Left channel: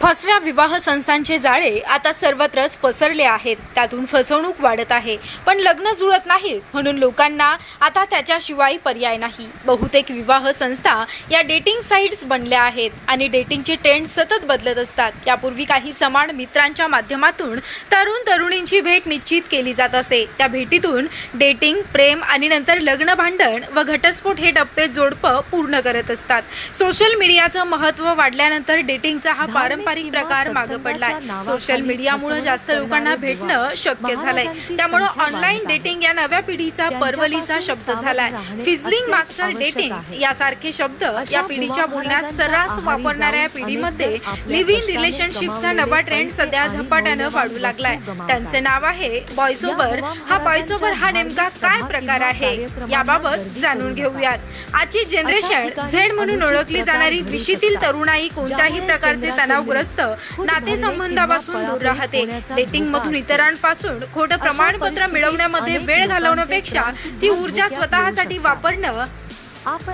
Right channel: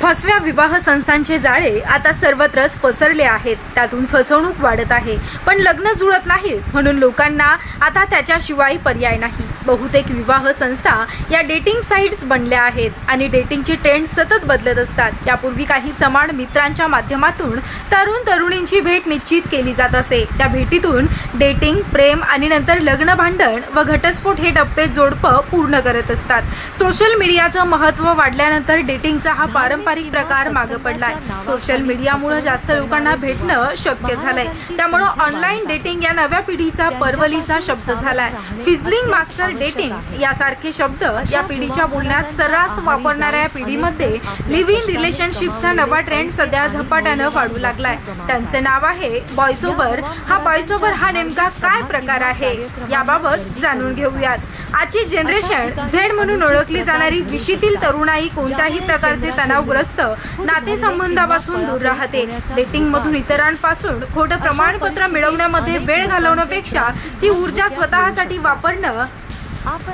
फसव्या विवाह संस्थांचे जाळे आता सर्वत्रच पसरले आहेत. त्यातून फसवणूक वाढत आहे. पण लग्न जुळत नाही म्हणून लोकांना आता त्याच्याशिवाय पर्याय नाही. बहुतेक विवाह संस्था या डेटिंग साईट्स बनल्या आहेत आणि डेटिंगचे ट्रेंड सतत बदलत असतात. यापूर्वी काही समान मित्रांच्या माध्यमातून तरुण तरुणींची भेट निश्चित केली जात असे. त्या भेटीतून डेटिंग प्रेम आणि नंतर लग्न भांडण व घटस्फोट हे टप्पे जोडपं पूर्ण करत असतात. सोशल मीडियाचं महत्त्व वाढल्यानंतर डेटिंगचा हा पारंपरिक प्रकार मागे पडला. सोशल मीडियामुळे जास्त लोकांना भेटणं शक्य झालंय. त्यामुळे ऑनलाईन डेटिंग या नव्या पिढीचा परवलीचा शब्द झालाय. फिझलिंग मास्टर डेटिंग यासारखे शब्द या पिढीच्या बोलण्यात सर्रास वापरणाऱ्या पिढीमध्ये लिव्ह इन रिलेशनशिपचा नवा ट्रेंड सध्या झपाट्यानं वाढू लागलाय. त्यांचे नाव आहे बॉयसोबर हा बॉयसोबर हा नेमका काय प्रकार आहे? याबाबत जाणून घेऊयात. आजची जनरेशन झेड म्हणून ओळखली जाणारी विशीतील तरुणाई कोणत्याही प्रकारचे तणावग्रस्त नातेसंबंधापासून दूर राहते. डेटिंग मधून इतरांपासून खोटं प्रमाणपत्र मिळवण्यामध्ये वेळ घालवण्यापेक्षा ती ऊर्जा स्वतःसाठी वापरणं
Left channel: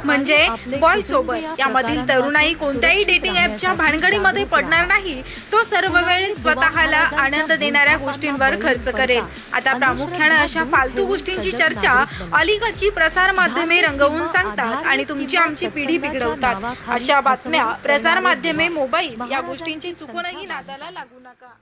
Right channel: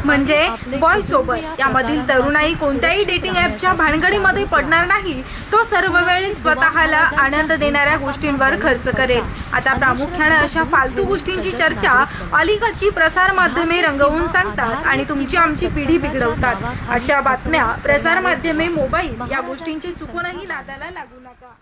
म्हणजे बॉय सोबत यामधील तरुणाई कोणत्याही डेटिंग ऍपच्या भानगडीमध्ये पडणार नाही. तो सर्व वेळ स्वतःला आनंद देणाऱ्या गोष्टींवर खर्च करेल. आता प्रामुख्याने अशा फालतू गोष्टींची चर्चा अलीकडची प्रसार माध्यमे रंगवून सांगतात आणि तुमची आमची पिढी बिघडवतात. अशा बातम्या प्रसार माध्यमे मोबाईल या गोष्टींची चुकूनही नादाला लागू नका.